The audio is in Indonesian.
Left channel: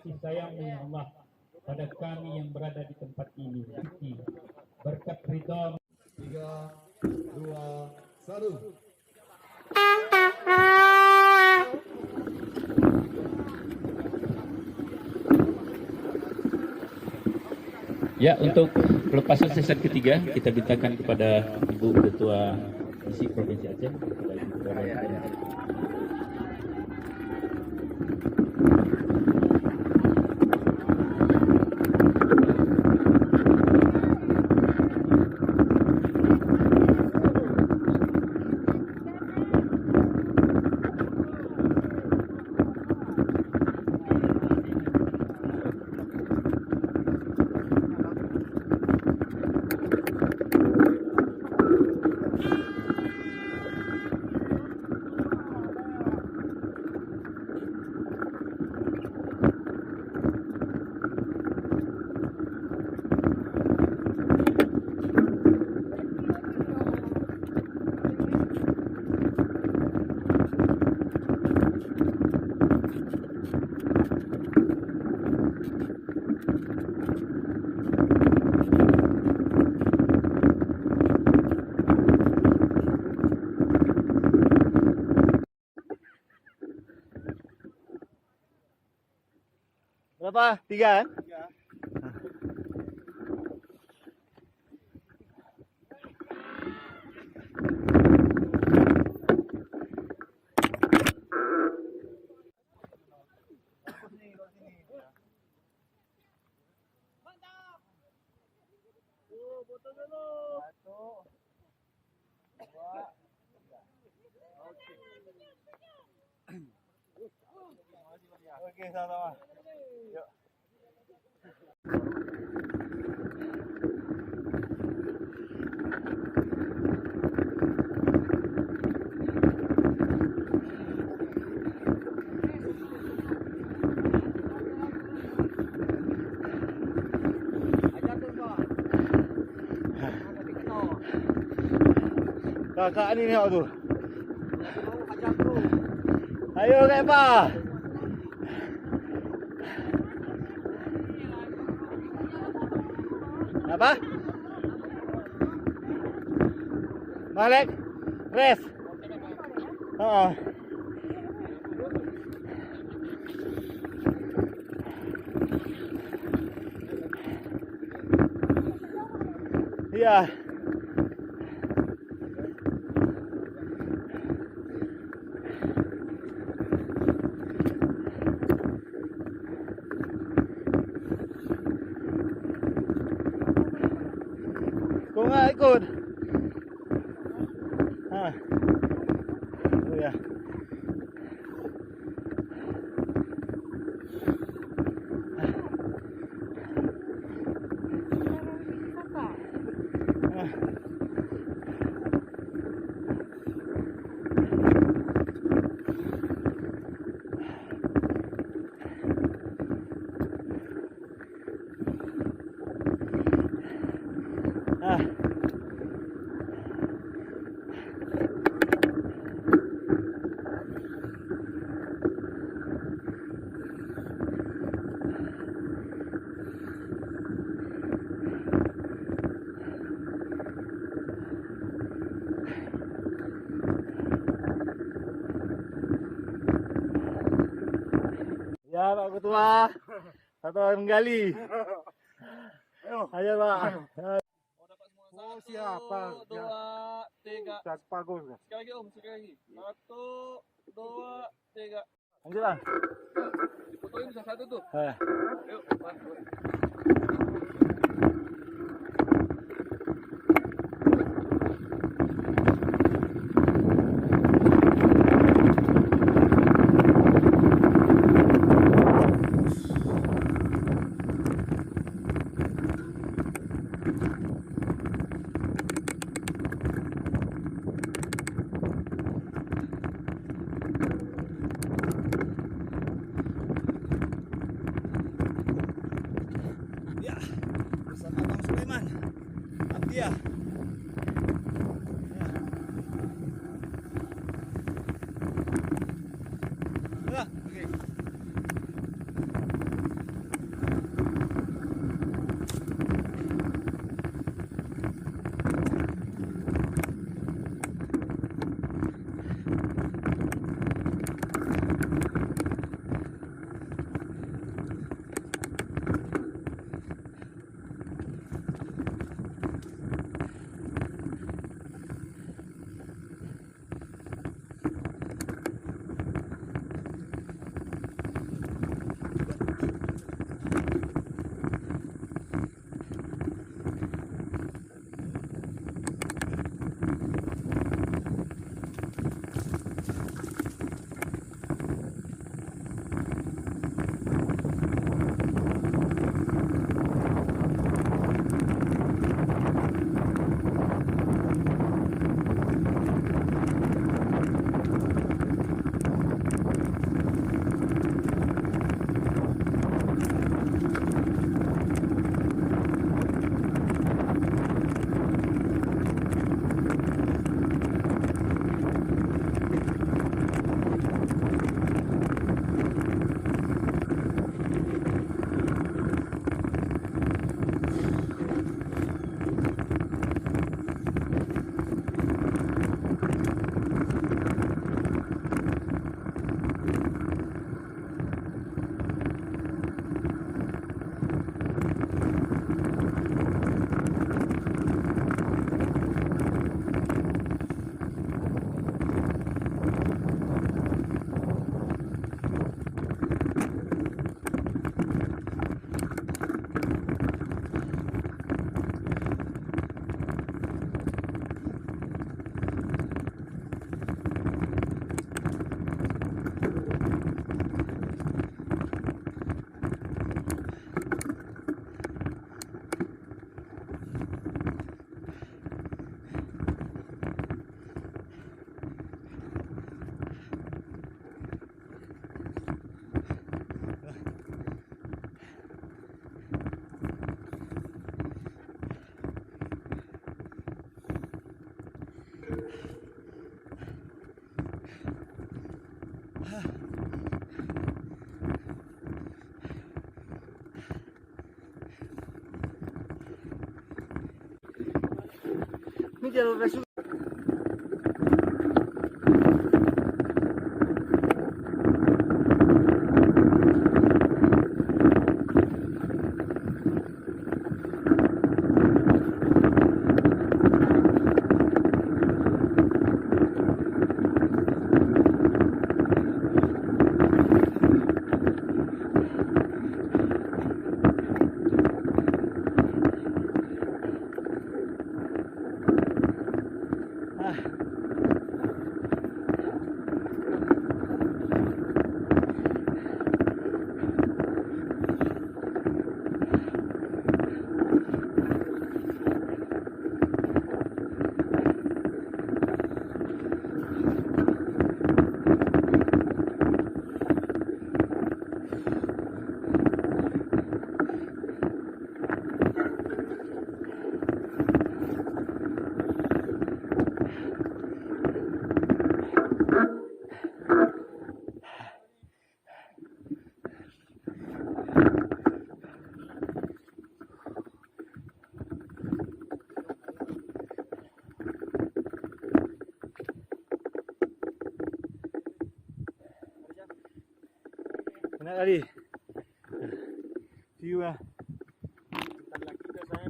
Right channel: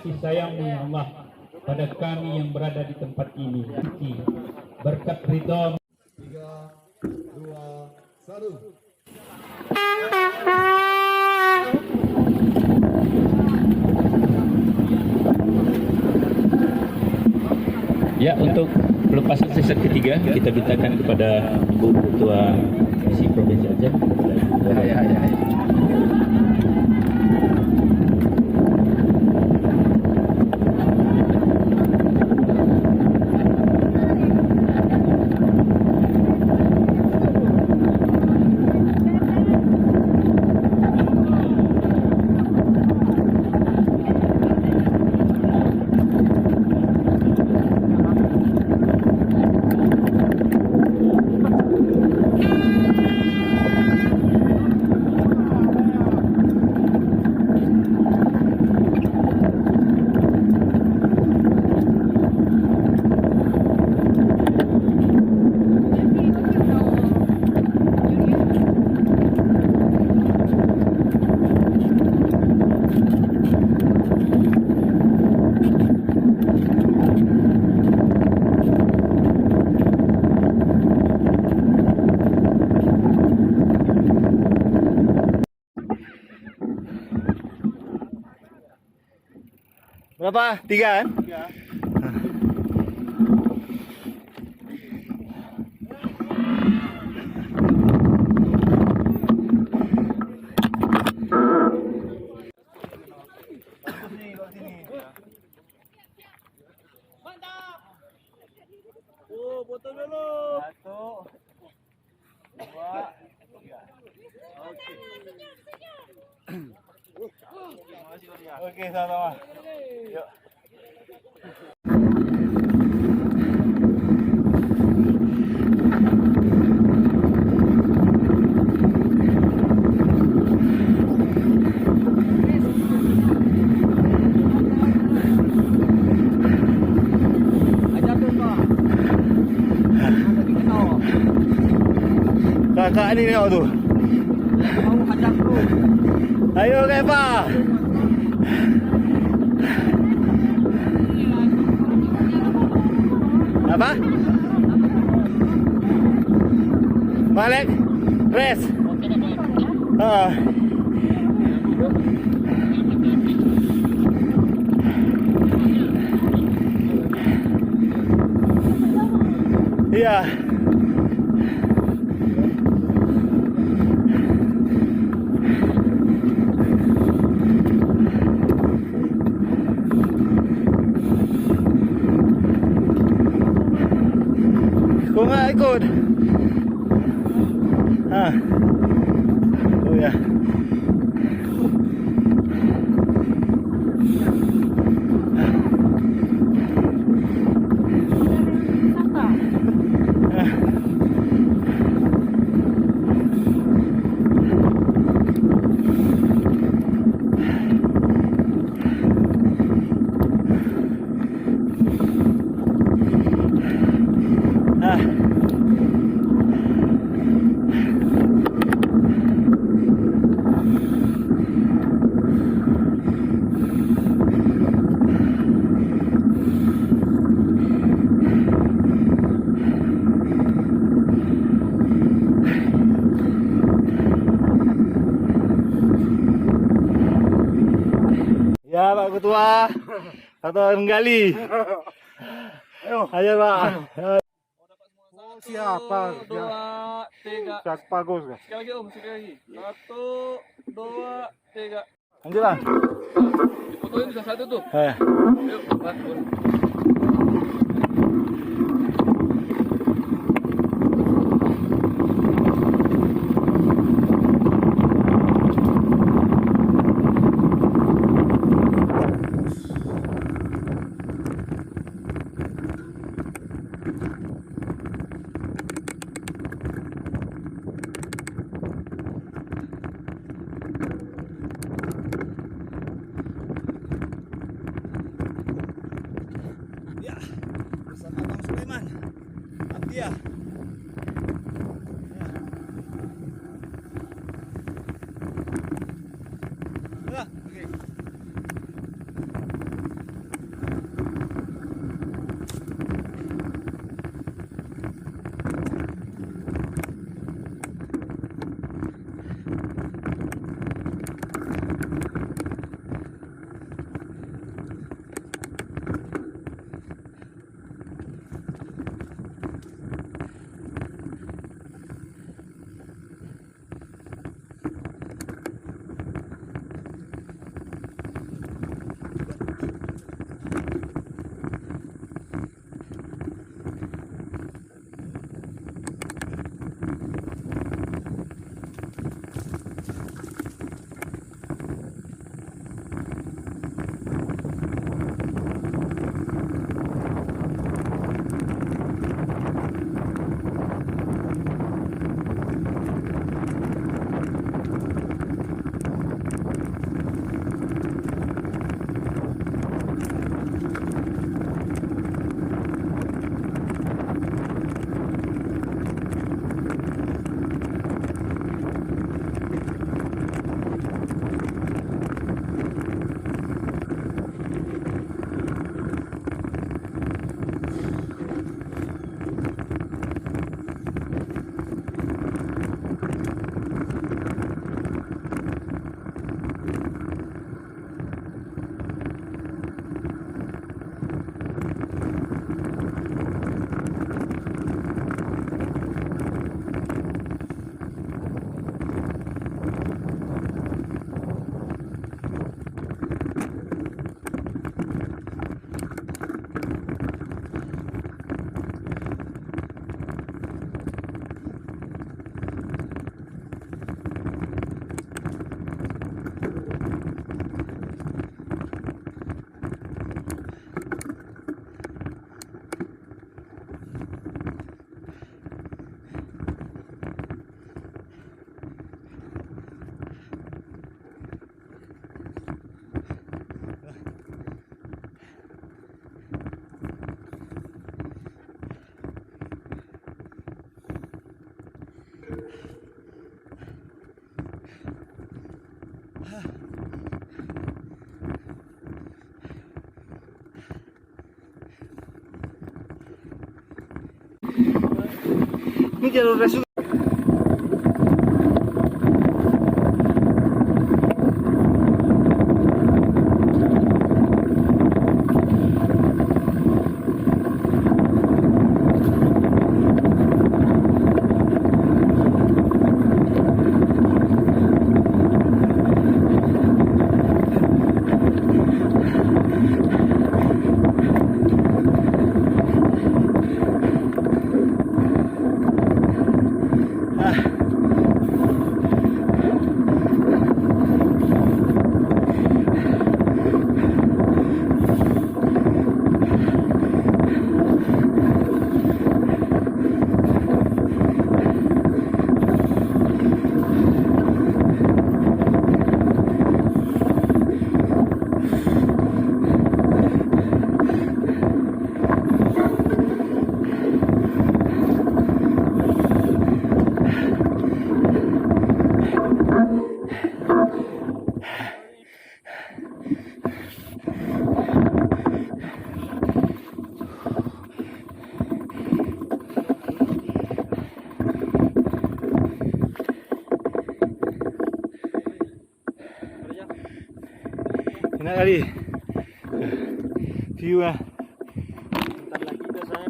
kasih sayang-Mu ya Allah pada kami yang berada di tempat ini. Berkat ridha. 3, 2, 1. Ya, untuk pelepasan sesi ketiga kita mintakan kepada Ibu Ketua Misi Provinsi Aceh, kepada Ibu Dari. Berapa? 3 kan? 3. Mantap. Foto dulu. 1, 2, 3. Oke, sama-sama. Yuk. Ajar tuh, Pak. Tapi kenal. Kakak ini nih tuh. Lagi mau hajar terus. Ayo, Kak Pak. Apa? Balik, rest. Iya. Kok nggak ikut? Oh ya. Ya Pak Ketua, atau menggali. Ayo Pak. Oh, siapa? 1, 2, 3. Cak bagus. Sekali lagi Om, sekali lagi. 1, 2, 3. Lanjut Bang. Difotoin bisa satu tuh. Yuk, bantu. Iya. Oke. Ini jalur resuk. Enak kali view-nya. Bentar lagi udah saya